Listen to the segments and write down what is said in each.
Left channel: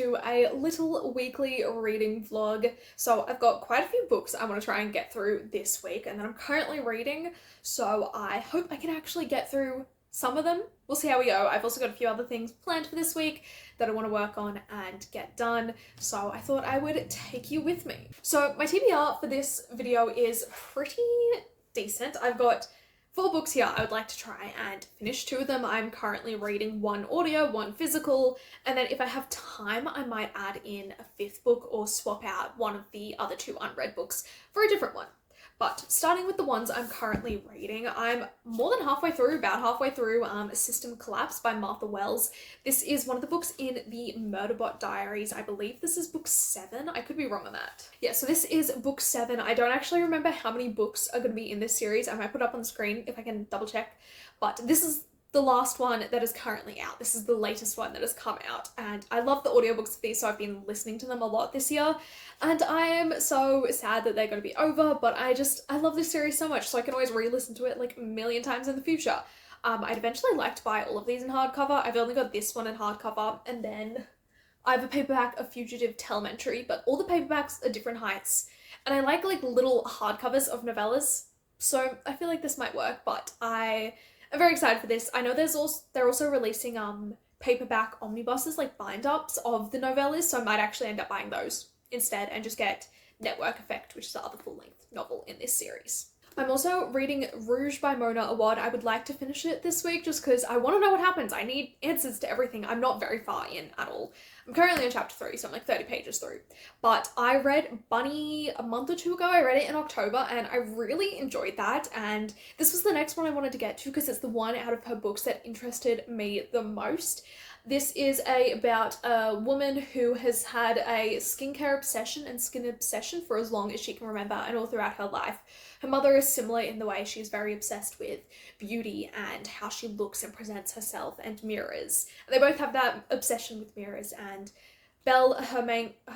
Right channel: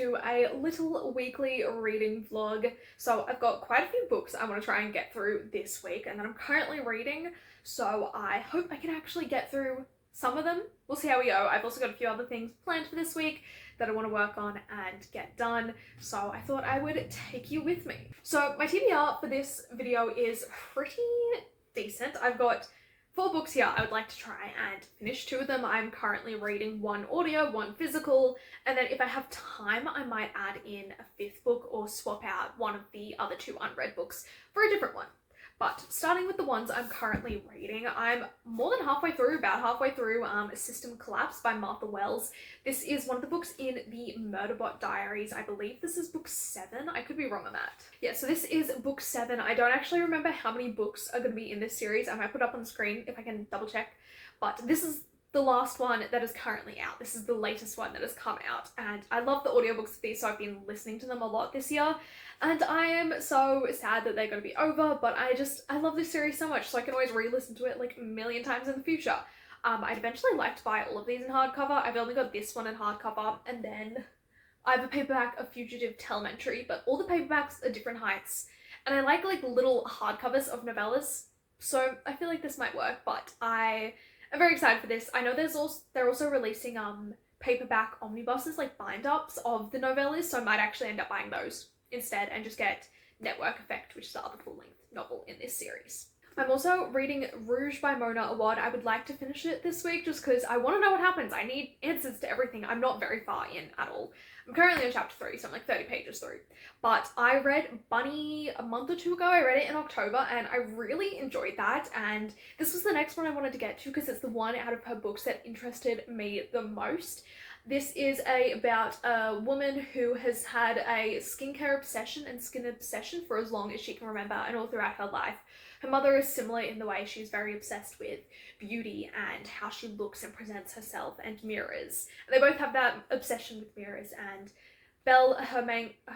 to a little weekly reading vlog. So I've got quite a few books I want to try and get through this week and that I'm currently reading, so I hope I can actually get through some of them. We'll see how we go. I've also got a few other things planned for this week that I want to work on and get done, so I thought I would take you with me. So my TBR for this video is pretty decent. I've got 4 books here I would like to try and finish. 2 of them I'm currently reading, 1 audio, 1 physical, and then if I have time I might add in a 5th book or swap out one of the other 2 unread books for a different one. But starting with the ones I'm currently reading, I'm more than halfway through, about halfway through System Collapse by Martha Wells. This is one of the books in the Murderbot Diaries. I believe this is book 7. I could be wrong on that. Yeah, so this is book 7. I don't actually remember how many books are going to be in this series. I might put it up on the screen if I can double check. But this is the last one that is currently out. This is the latest one that has come out, and I love the audiobooks of these, so I've been listening to them a lot this year, and I am so sad that they're going to be over, but I love this series so much, so I can always re-listen to it like a million times in the future. I'd eventually like to buy all of these in hardcover. I've only got this one in hardcover, and then I have a paperback of Fugitive Telemetry, but all the paperbacks are different heights, and I like little hardcovers of novellas, so I feel like this might work, but I'm very excited for this. I know they're also releasing paperback omnibuses, like bind-ups of the novellas, so I might actually end up buying those instead and just get Network Effect, which is the other full-length novel in this series. I'm also reading Rouge by Mona Awad. I would like to finish it this week just because I want to know what happens. I need answers to everything. I'm not very far in at all. I'm currently on chapter 3, so I'm like 30 pages through. But I read Bunny a month or 2 ago. I read it in October and I really enjoyed that. And this was the next one I wanted to get to because it's the one out of her books that interested me the most. This is about a woman who has had a skincare obsession and skin obsession for as long as she can remember and all throughout her life. Her mother is similar in the way she's very obsessed with beauty and how she looks and presents herself and mirrors. They both have that obsession with mirrors, and Belle, her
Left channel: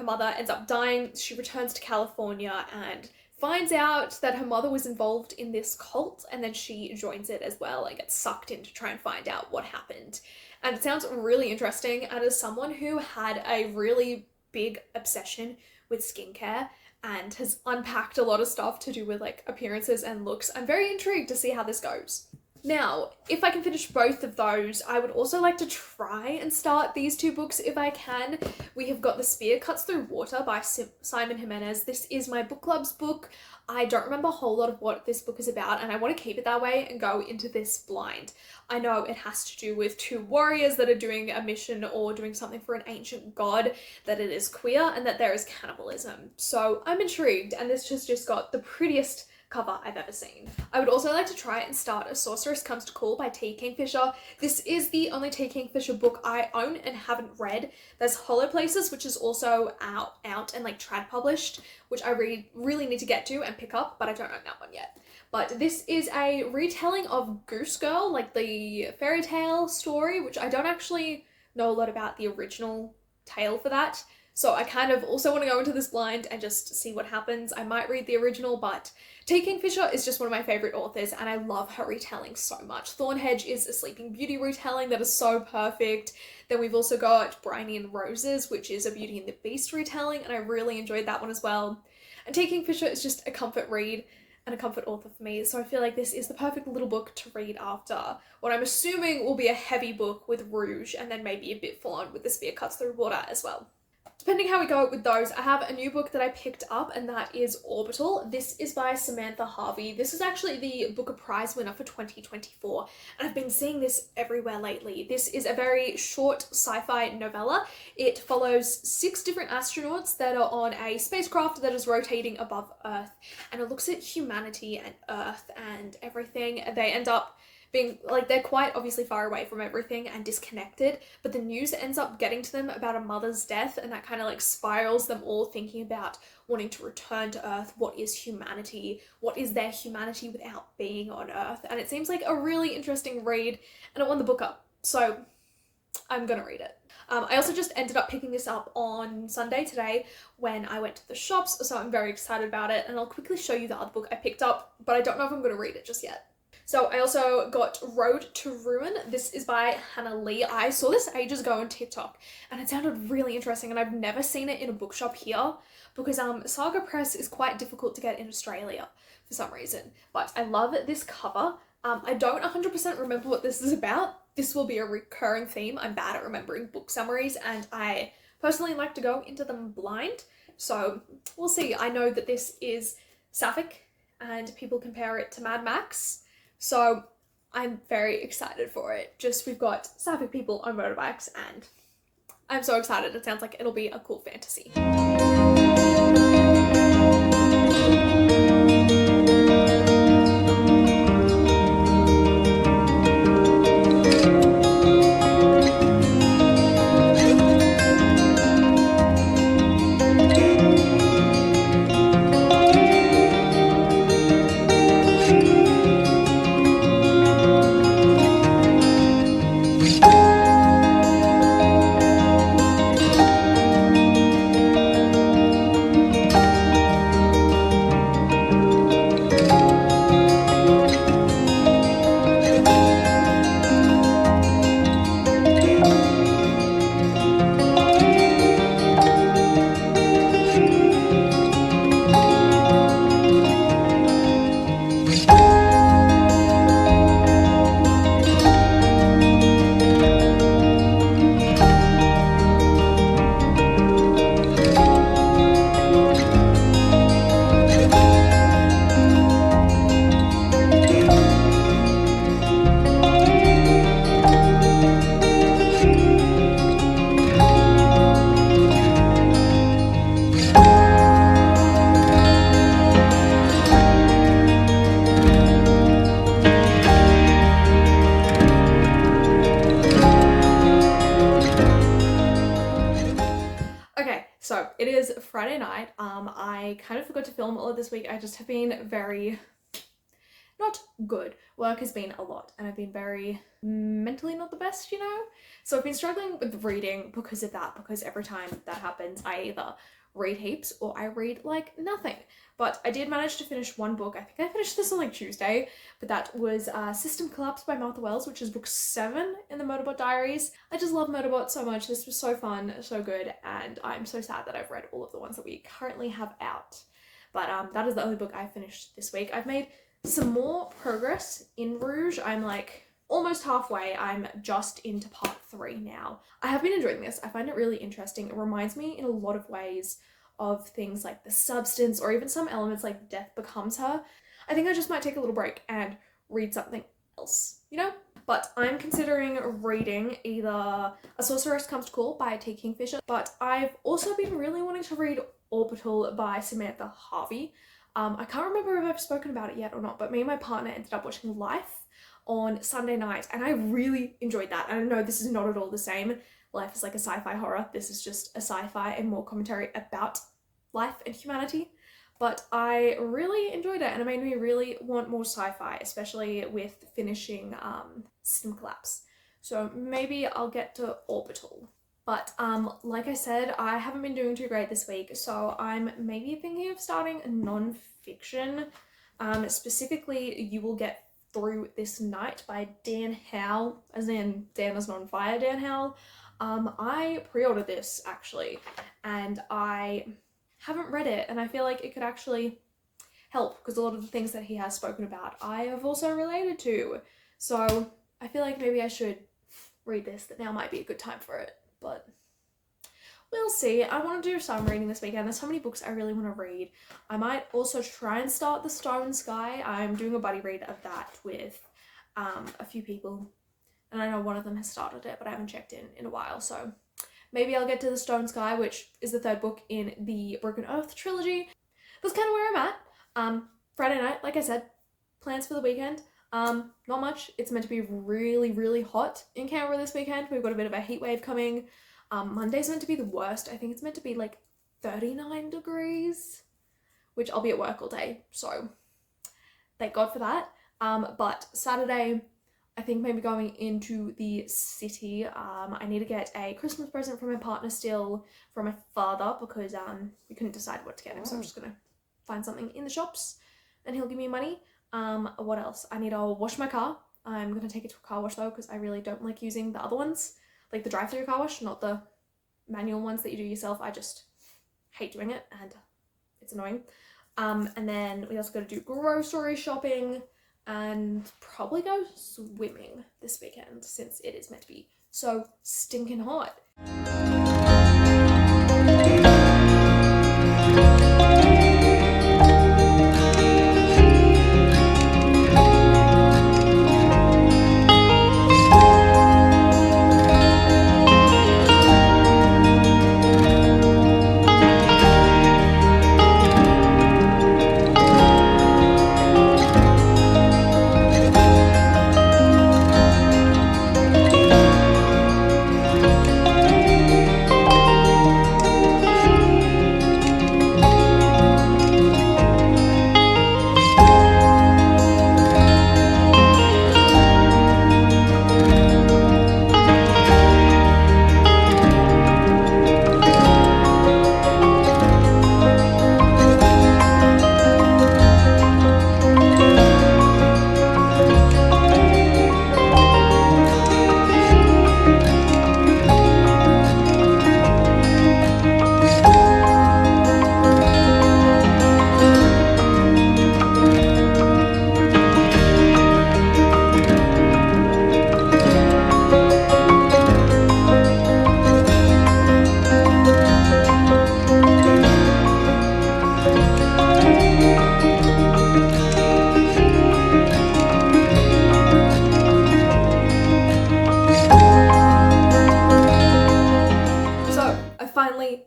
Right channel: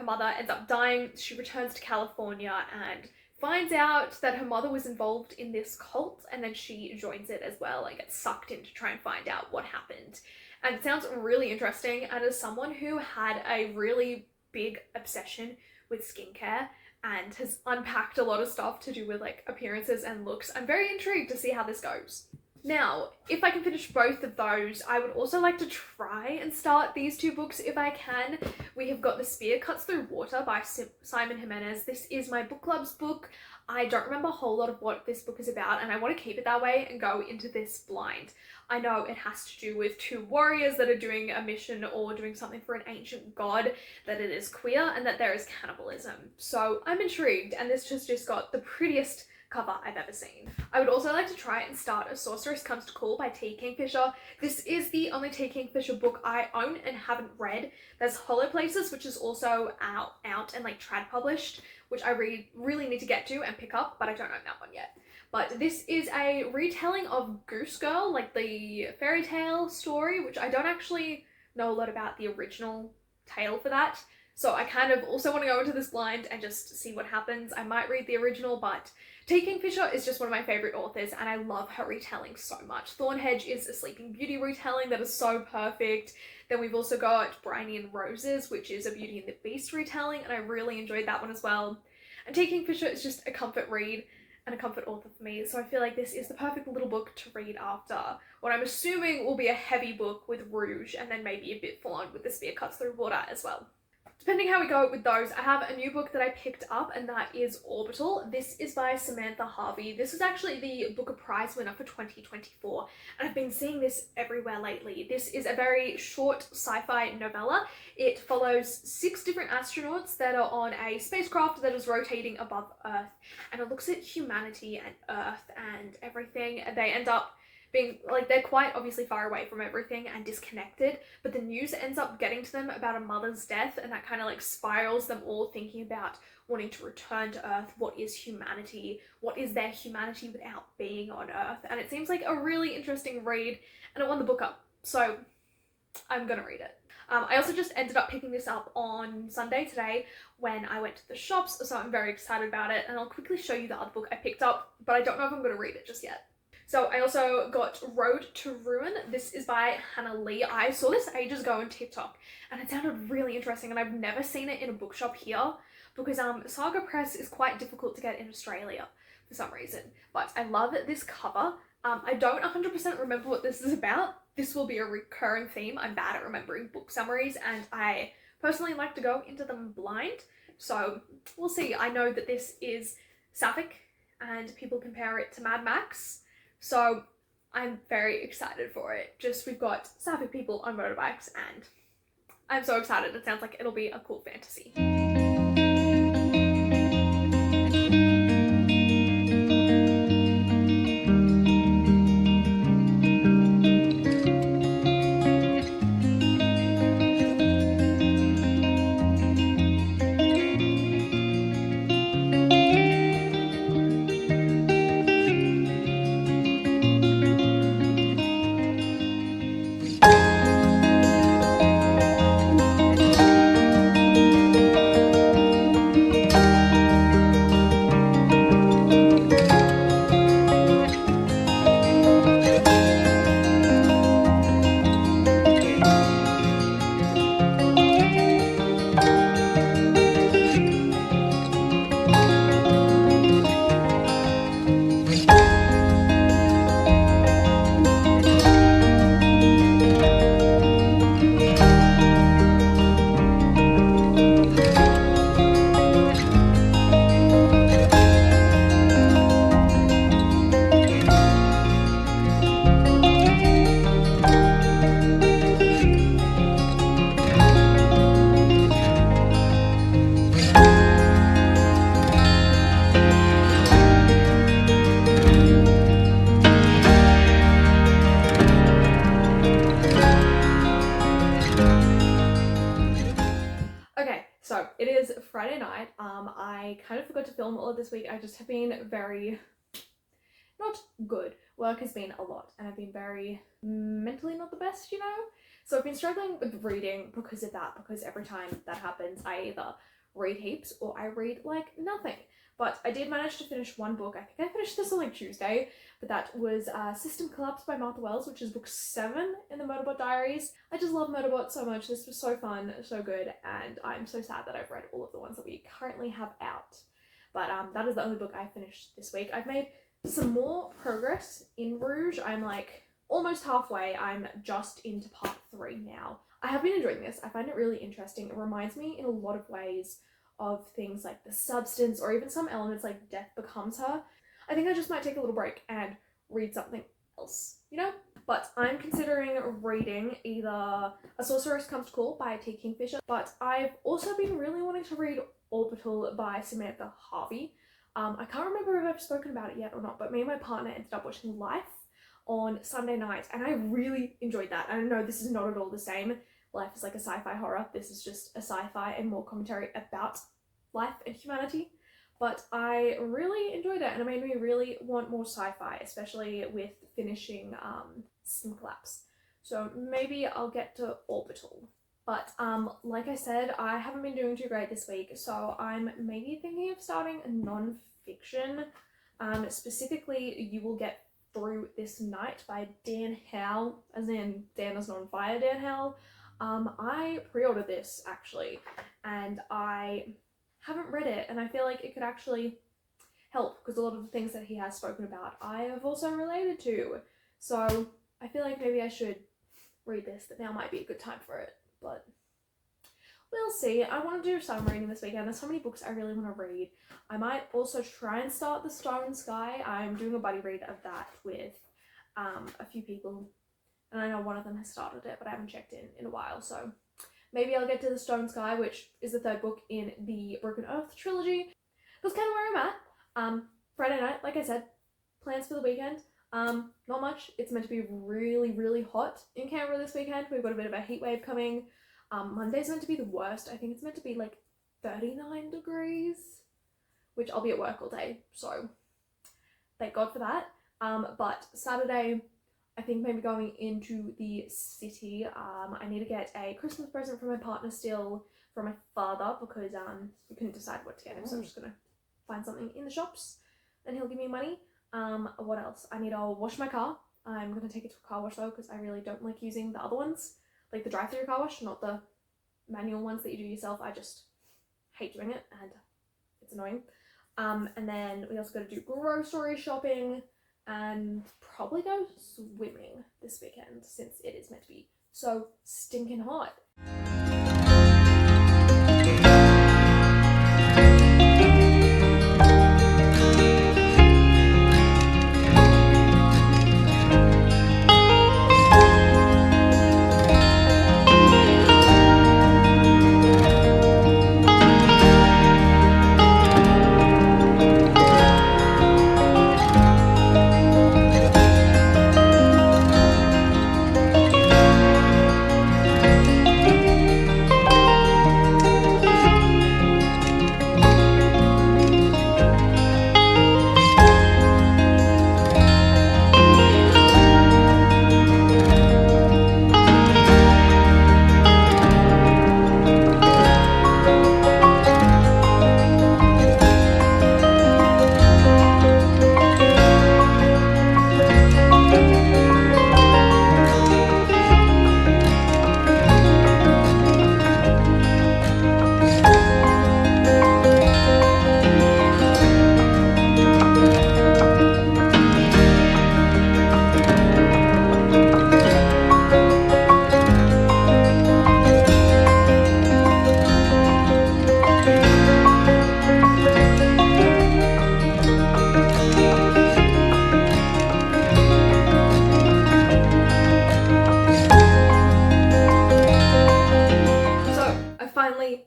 mother, ends up dying. She returns to California and finds out that her mother was involved in this cult, and then she joins it as well and gets sucked in to try and find out what happened. And it sounds really interesting, and as someone who had a really big obsession with skincare and has unpacked a lot of stuff to do with appearances and looks, I'm very intrigued to see how this goes. Now, if I can finish both of those, I would also like to try and start these 2 books if I can. We have got The Spear Cuts Through Water by Simon Jimenez. This is my book club's book. I don't remember a whole lot of what this book is about, and I want to keep it that way and go into this blind. I know it has to do with 2 warriors that are doing a mission or doing something for an ancient god, that it is queer, and that there is cannibalism. So I'm intrigued, and this has just got the prettiest cover I've ever seen. I would also like to try and start A Sorceress Comes to Call by T. Kingfisher. This is the only T. Kingfisher book I own and haven't read. There's Hollow Places, which is also out and trad published, which I really need to get to and pick up, but I don't own that one yet. But this is a retelling of Goose Girl, like the fairy tale story, which I don't actually know a lot about the original tale for that. So I kind of also want to go into this blind and just see what happens. I might read the original, but T. Kingfisher is just one of my favourite authors and I love her retelling so much. Thornhedge is a Sleeping Beauty retelling that is so perfect. Then we've also got Briny and Roses, which is a Beauty and the Beast retelling, and I really enjoyed that one as well. And T. Kingfisher is just a comfort read and a comfort author for me, so I feel like this is the perfect little book to read after what I'm assuming will be a heavy book with Rouge, and then maybe a bit full on with The Spear Cuts Through Water as well. Depending how we go with those, I have a new book that I picked up, and that is Orbital. This is by Samantha Harvey. This is actually the Booker Prize winner for 2024, and I've been seeing this everywhere lately. This is a very short sci-fi novella. It follows 6 different astronauts that are on a spacecraft that is rotating above Earth, and it looks at humanity and Earth and everything. They end up being they're quite obviously far away from everything and disconnected, but the news ends up getting to them about a mother's death, and that kind of spirals them all thinking about wanting to return to Earth. What is humanity? What is their humanity without being on Earth? And it seems like a really interesting read, and it won the book up, so I'm gonna read it. I also just ended up picking this up on Sunday today when I went to the shops, so I'm very excited about it, and I'll quickly show you the other book I picked up, but I don't know if I'm going to read it just yet. So I also got Road to Ruin. This is by Hannah Lee. I saw this ages ago on TikTok and it sounded really interesting, and I've never seen it in a bookshop here because Saga Press is quite difficult to get in Australia for some reason. But I love this cover. I don't 100% remember what this is about. This will be a recurring theme. I'm bad at remembering book summaries, and I personally like to go into them blind. So we'll see. I know that this is sapphic and people compare it to Mad Max. So I'm very excited for it. Just we've got sapphic people on motorbikes and I'm so excited. It sounds like it'll be a cool fantasy. Okay, so it is Friday night. I kind of forgot to film all of this week. I just have been very not good. Work has been a lot and I've been very mentally not the best, you know? So I've been struggling with reading because of that, because every time that happens, I either read heaps or I read like nothing. But I did manage to finish one book. I think I finished this on like Tuesday, but that was System Collapse by Martha Wells, which is book 7 in the Murderbot Diaries. I just love Murderbot so much. This was so fun, so good, and I'm so sad that I've read all of the ones that we currently have out. But that is the only book I finished this week. I've made some more progress in Rouge. I'm like almost halfway. I'm just into part 3 now. I have been enjoying this. I find it really interesting. It reminds me in a lot of ways of things like The Substance, or even some elements like Death Becomes Her. I think I just might take a little break and read something else, you know? But I'm considering reading either A Sorceress Comes to Call by T. Kingfisher, but I've also been really wanting to read Orbital by Samantha Harvey. I can't remember if I've spoken about it yet or not, but me and my partner ended up watching Life on Sunday night, and I really enjoyed that. And I know this is not at all the same. Life is like a sci-fi horror. This is just a sci-fi and more commentary about life and humanity. But I really enjoyed it, and it made me really want more sci-fi, especially with finishing System Collapse. So maybe I'll get to Orbital. But like I said, I haven't been doing too great this week, so I'm maybe thinking of starting a non-fiction. Specifically, You Will Get Through This Night by Dan Howell, as in Dan is not on fire, Dan Howell. I pre-ordered this actually, and I haven't read it, and I feel like it could actually help because a lot of the things that he has spoken about I have also related to. So I feel like maybe I should read this, that now might be a good time for it, but we'll see. I want to do some reading this weekend. There's so many books I really want to read. I might also try and start The Stone Sky. I'm doing a buddy read of that with a few people, and I know one of them has started it, but I haven't checked in a while, so maybe I'll get to The Stone Sky, which is the 3rd book in the Broken Earth trilogy. That's kind of where I'm at. Friday night, like I said, plans for the weekend. Not much. It's meant to be really, really hot in Canberra this weekend. We've got a bit of a heat wave coming. Monday's meant to be the worst. I think it's meant to be like 39 degrees, which I'll be at work all day, so thank God for that. But Saturday, I think maybe going into the city. I need to get a Christmas present from my partner still, from my father, because we couldn't decide what to get him, so I'm just gonna find something in the shops and he'll give me money. What else? I need to wash my car. I'm gonna take it to a car wash though, because I really don't like using the other ones, like the drive-through car wash, not the manual ones that you do yourself. I just hate doing it and it's annoying. And then we also got to do grocery shopping and probably go swimming this weekend since it is meant to be so stinking hot.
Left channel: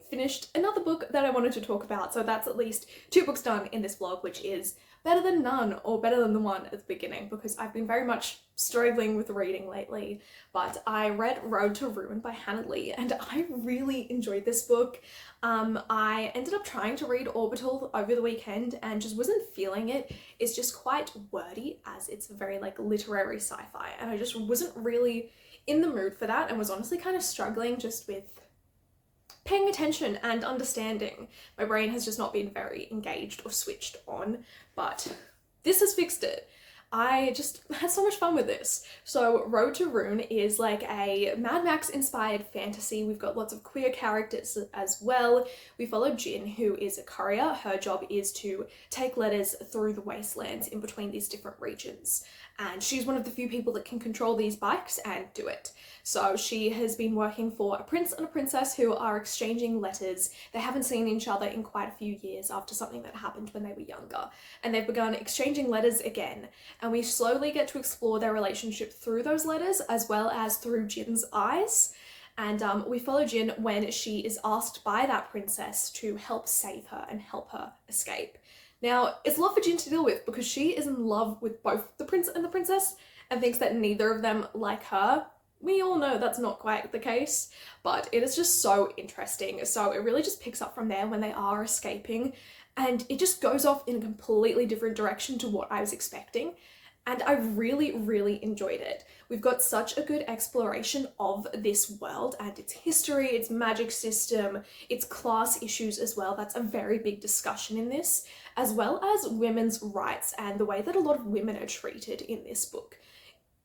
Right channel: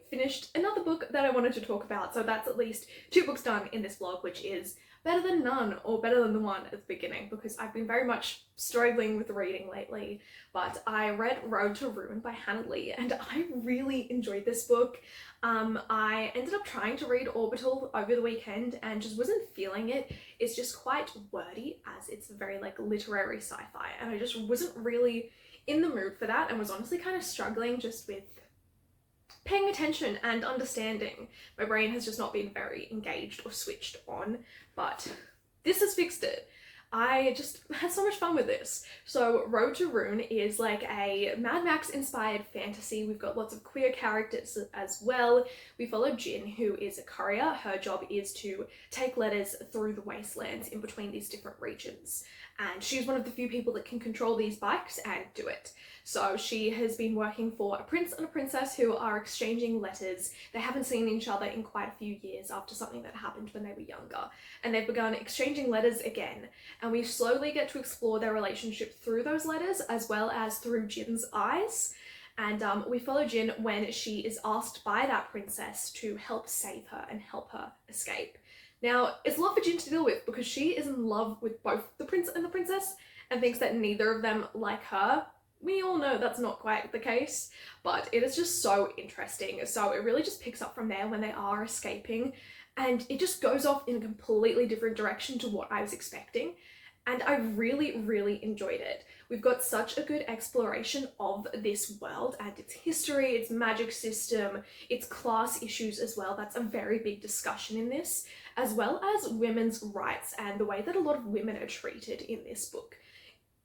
Finished another book that I wanted to talk about, so that's at least 2 books done in this vlog, which is better than none, or better than the one at the beginning, because I've been very much struggling with reading lately. But I read Road to Ruin by Hannah Lee and I really enjoyed this book. I ended up trying to read Orbital over the weekend and just wasn't feeling it. It's just quite wordy, as it's very like literary sci-fi, and I just wasn't really in the mood for that and was honestly kind of struggling just with paying attention and understanding. My brain has just not been very engaged or switched on, but this has fixed it. I just had so much fun with this. So Road to Ruin is like a Mad Max inspired fantasy. We've got lots of queer characters as well. We follow Jin, who is a courier. Her job is to take letters through the wastelands in between these different regions. And she's one of the few people that can control these bikes and do it. So she has been working for a prince and a princess who are exchanging letters. They haven't seen each other in quite a few years after something that happened when they were younger. And they've begun exchanging letters again. And we slowly get to explore their relationship through those letters, as well as through Jin's eyes. And we follow Jin when she is asked by that princess to help save her and help her escape. Now, it's a lot for Jin to deal with because she is in love with both the prince and the princess and thinks that neither of them like her. We all know that's not quite the case, but it is just so interesting. So it really just picks up from there when they are escaping, and it just goes off in a completely different direction to what I was expecting. And I really, really enjoyed it. We've got such a good exploration of this world and its history, its magic system, its class issues as well. That's a very big discussion in this, as well as women's rights and the way that a lot of women are treated in this book.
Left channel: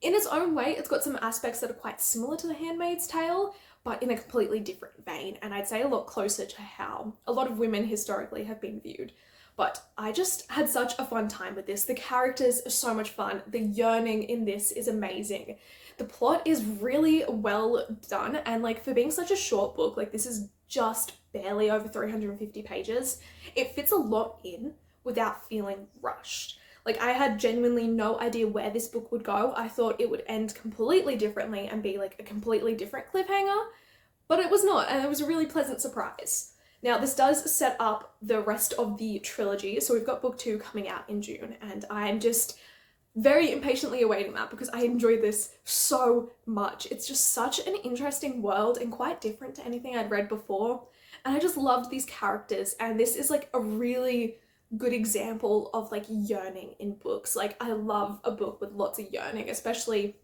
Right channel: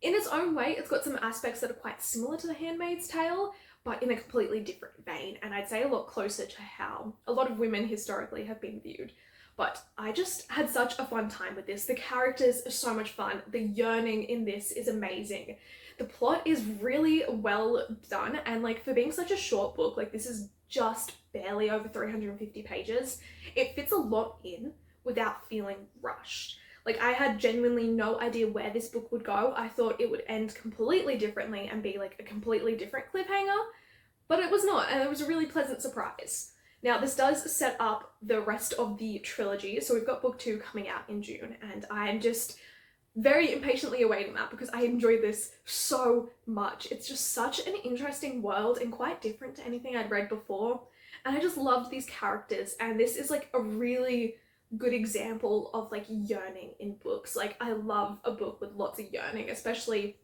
In its own way, it's got some aspects that are quite similar to The Handmaid's Tale, but in a completely different vein, and I'd say a lot closer to how a lot of women historically have been viewed. But I just had such a fun time with this. The characters are so much fun. The yearning in this is amazing. The plot is really well done, and like for being such a short book, like this is just barely over 350 pages, it fits a lot in without feeling rushed. Like, I had genuinely no idea where this book would go. I thought it would end completely differently and be like a completely different cliffhanger, but it was not, and it was a really pleasant surprise. Now, this does set up the rest of the trilogy, so we've got book 2 coming out in June, and I am just very impatiently awaiting that because I enjoyed this so much. It's just such an interesting world and quite different to anything I'd read before, and I just loved these characters, and this is like a really good example of like yearning in books. Like, I love a book with lots of yearning, especially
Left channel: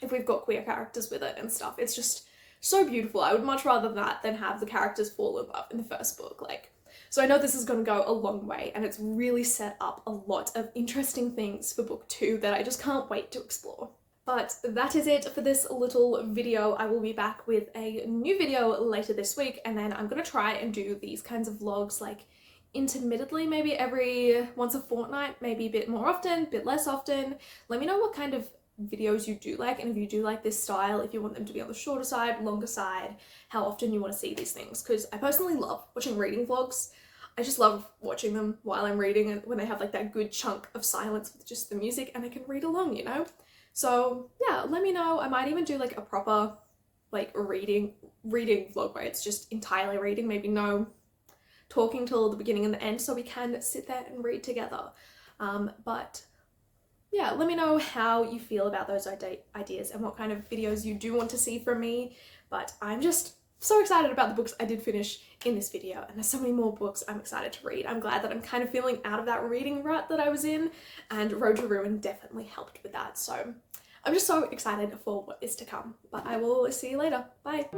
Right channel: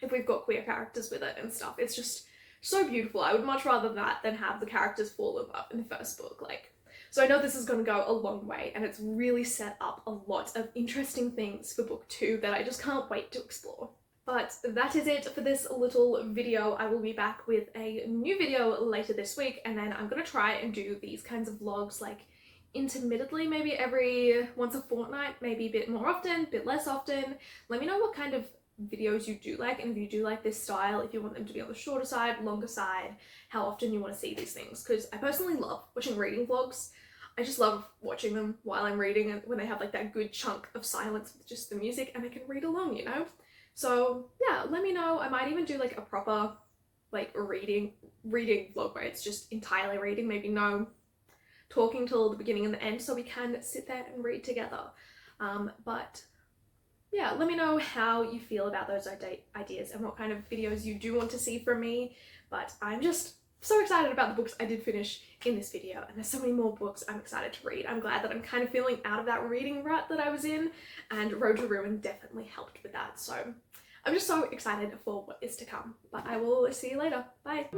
if we've got queer characters with it and stuff. It's just so beautiful. I would much rather that than have the characters fall in love in the first book. Like, So I know this is going to go a long way, and it's really set up a lot of interesting things for book 2 that I just can't wait to explore. But that is it for this little video. I will be back with a new video later this week, and then I'm going to try and do these kinds of vlogs like intermittently, maybe every once a fortnight, maybe a bit more often, a bit less often. Let me know what kind of videos you do like, and if you do like this style, if you want them to be on the shorter side, longer side, how often you want to see these things, because I personally love watching reading vlogs. I just love watching them while I'm reading, and when they have like that good chunk of silence with just the music and I can read along, you know? So yeah, let me know. I might even do like a proper like reading vlog where it's just entirely reading, maybe no talking till the beginning and the end, so we can sit there and read together. But yeah, let me know how you feel about those ideas and what kind of videos you do want to see from me. But I'm just so excited about the books I did finish in this video, and there's so many more books I'm excited to read. I'm glad that I'm kind of feeling out of that reading rut that I was in, and Road to Ruin definitely helped with that. So I'm just so excited for what is to come. But I will see you later. Bye.